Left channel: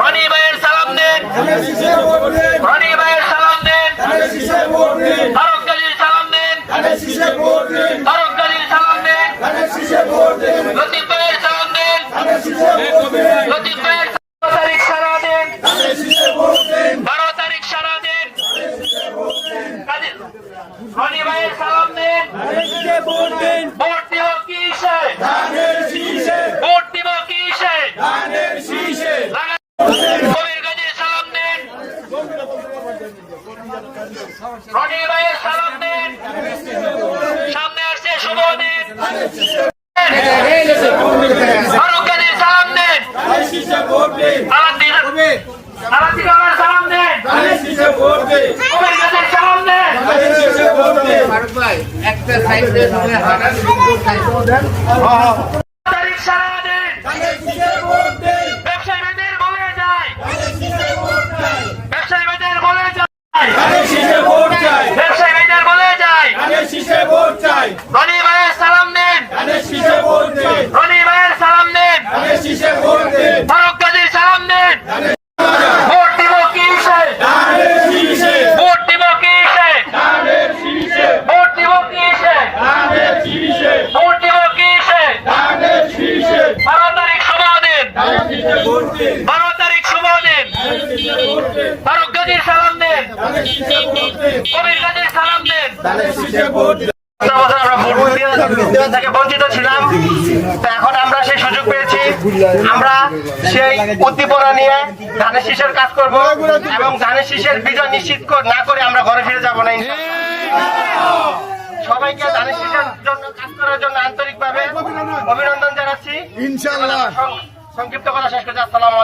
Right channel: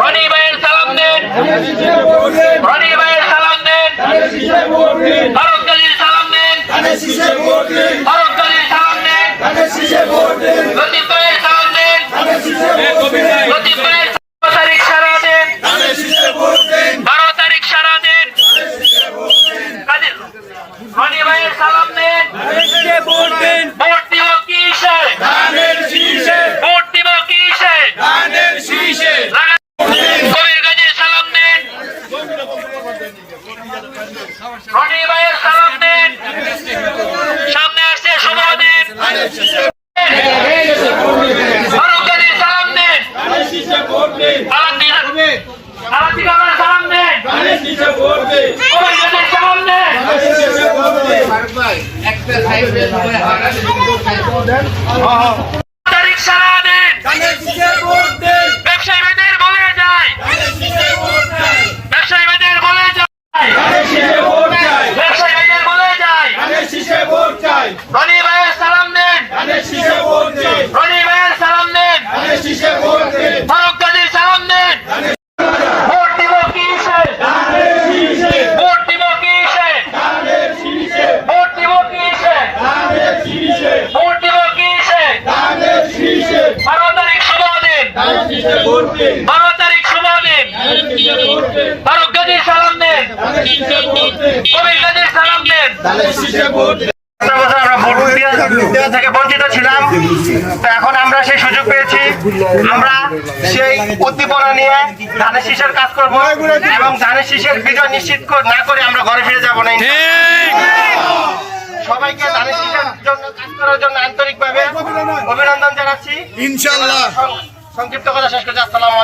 রনি ভাইয়ের সালাম দেন, রনি ভাইয়ের সালাম দেন, ফারুক গাজীর সালাম দেন, ফারুক গাজীর সালাম দেন, লতিফ ভাইয়ের সালাম দেন, লতিফ ভাইয়ের 12 তারিখ সারা দেন, 12 তারিখ সারা দেন, রনি ভাইয়ের সালাম দেন, ভোট দিব কিসে, ভোট দিব কিসে, কবির গাজীর সালাম দেন, রনি ভাইয়ের সালাম দেন, সামনে আসছে শুভ দিন, ফারুক গাজীর সালাম দেন, আলাদিন সালাম দেন, কবির গাজীর সালাম দেন, তারিখ সারা দেন, ব্যবসায়ী ভাইদের বলে যায়, ব্যবসায়ী ভাইদের বলে যায়, ব্যবসায়ী ভাইদের বলে যায়, রনি ভাইয়ের সালাম দেন, রনি ভাইয়ের সালাম দেন, ফারুক গাজীর সালাম দেন, ভোট দিব কিসে, ভোট দিব কিসে, ভোট দিব কিসে, ভোট দিব কিসে, 12 তারিখ শুভ দিন, 12 তারিখ শুভ দিন, ফারুক গাজীর সালাম দেন, কবির গাজীর সালাম দেন। আমরা ভোট দেওয়া থেকে বঞ্চিত ছিলাম, তো এখন আমরা সেই সুযোগ পেয়েছি। আমরা সেই উদ্দীপনা নিয়ে ধানের শীষের কাজ করব এবং ধানের শীষের বিজয় নিশ্চিত না করে আমরা ঘরে ফিরে যাবো না। সবাইকে ধানের শীষের জন্য কাজ করার জন্য আন্তরিকভাবে অভিনন্দন জানাচ্ছি। ইনশাআল্লাহ সংক্ষিপ্ত কথা শেষ করছি। আসসালামু আলাইকুম।